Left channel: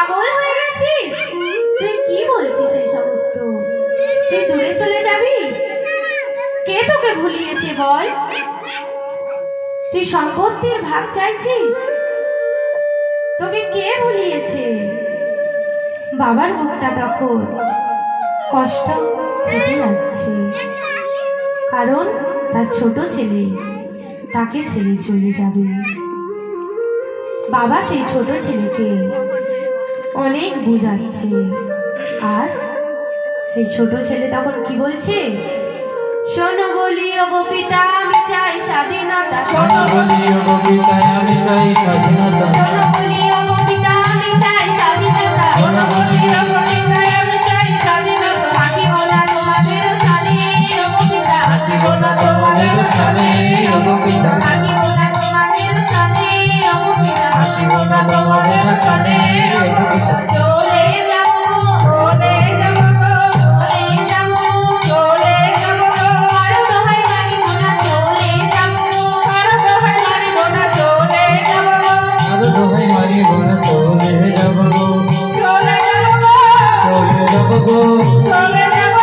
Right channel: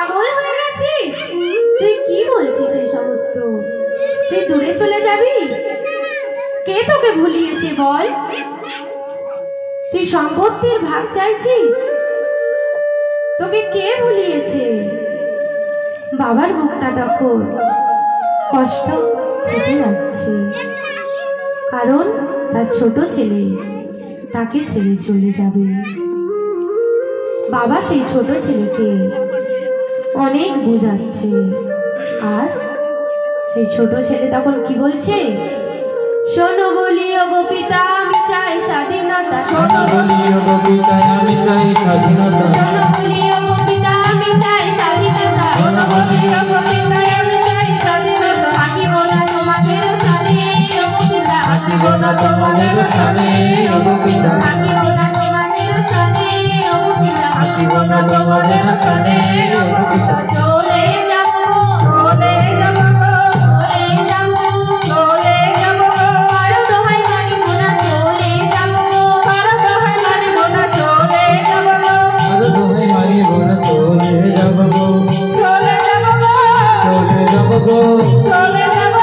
পাগল হয়ে গেছিস? তুই কি বলছিস এই সমস্ত? তুই দূরে চলে যাবি? কে তোকে ভুলিয়েছে বল? তুই সম্পত্তির ভাগ চাইছিস? তোকে কে ভুলিয়েছে? বাবার মুখটা তখন কষ্ট ফেটে যাচ্ছে, কারণ তার ছোট ছেলে তাকে ছেড়ে চলে যাবে। বাবা সেই ছোট ছেলেকে অনেক বোঝাচ্ছে, আর সেই ছোট ছেলে তখন কি বলছে? শোনো বলি ওগো পিতা আমি চাই স্বাধীনতা, শোনো বলি ওগো পিতা আমি চাই স্বাধীনতা, শোনো বলি ওগো পিতা আমি চাই স্বাধীনতা, শোনো বলি ওগো পিতা আমি চাই স্বাধীনতা। থাকিব না তোমাদের সাথে ওগো পিতা, থাকিব না তোমাদের সাথে ওগো পিতা, থাকিব না তোমাদের সাথে ওগো পিতা, থাকিব না তোমাদের সাথে ওগো পিতা। চলে যাব চলে যাব চলে যাব চলে যাব, কারো দোহাই মানিব না চলে যাব, কারো দোহাই মানিব না চলে যাব, কারো দোহাই মানিব না চলে যাব, চলে যাব চলে যাব গো, চলে যাব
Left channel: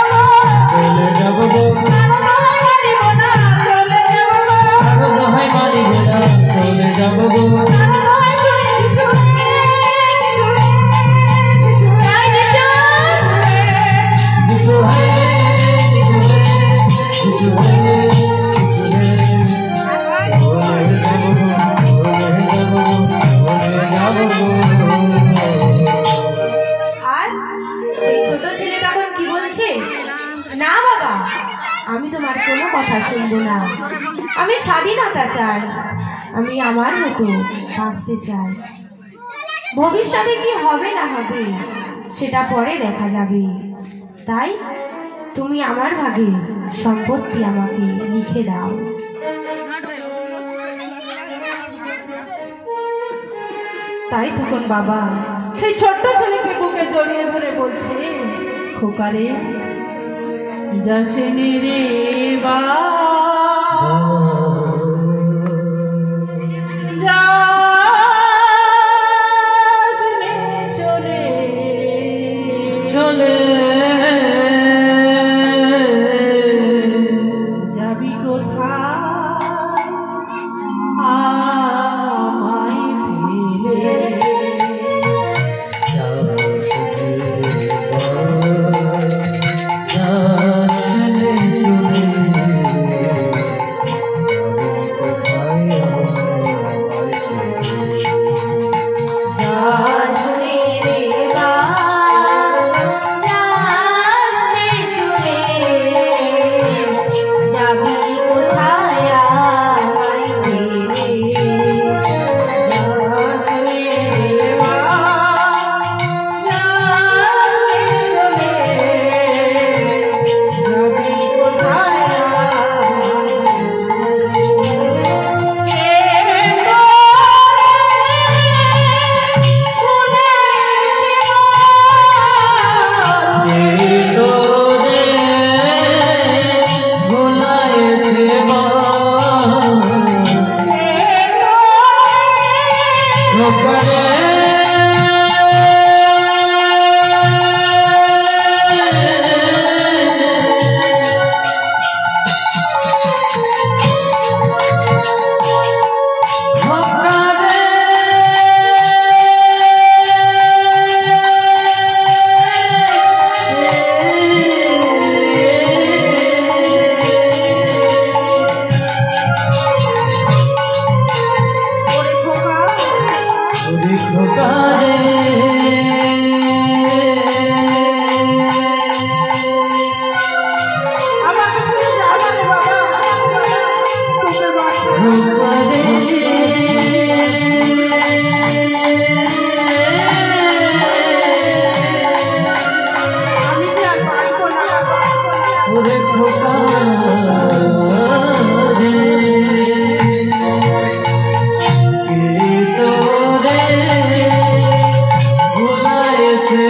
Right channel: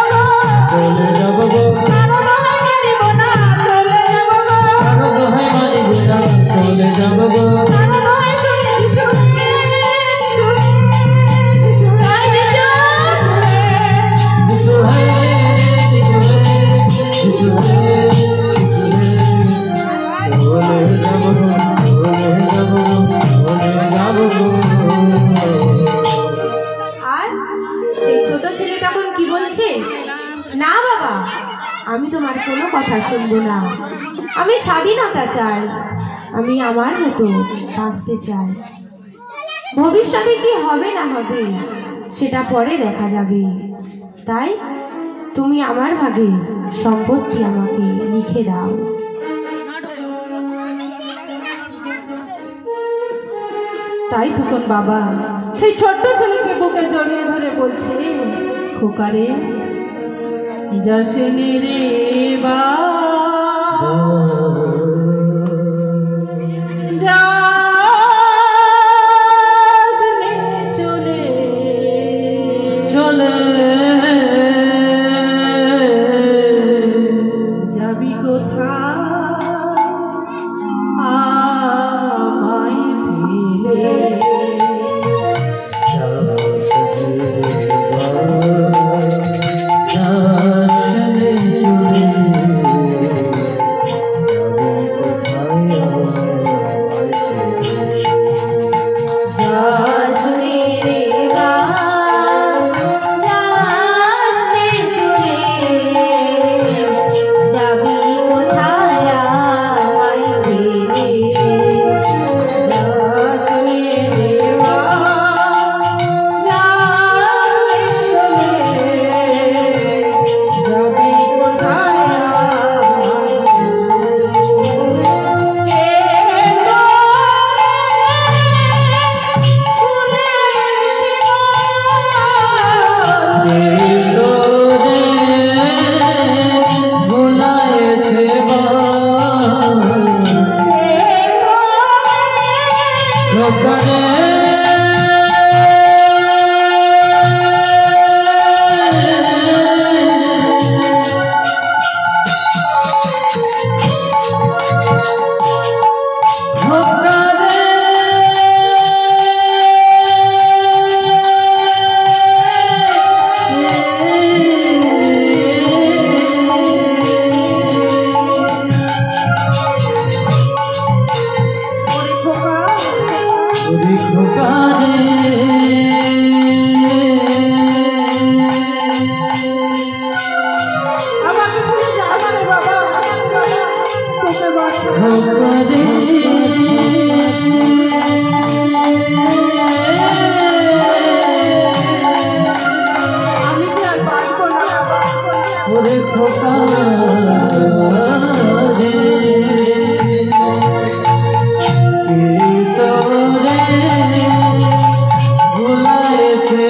চলে যাব গো, কারো দোহাই মানিব না চলে যাব, কারো দোহাই মানিব না চলে যাব গো। আমি তোমার কোনো কথা শুনবো না, আমি স্বাধীনতা চাই, আমি আমার মতো বাঁচতে চাই। ভবিষ্যতে কি হবে না হবে সেটা পরে দেখা যাবে, তাই তুমি আমার ভাগে সম্পত্তি আমাকে লিখে দাও। তাই তখন বাবা সেই ছোট্ট ছেলেকে বুকে জড়িয়ে ধরে বলছে, খোকারে যাসনি রে বা যাসনি চলে চলে যাবি কোথায় আমায় ফেলে, ভুলাইছে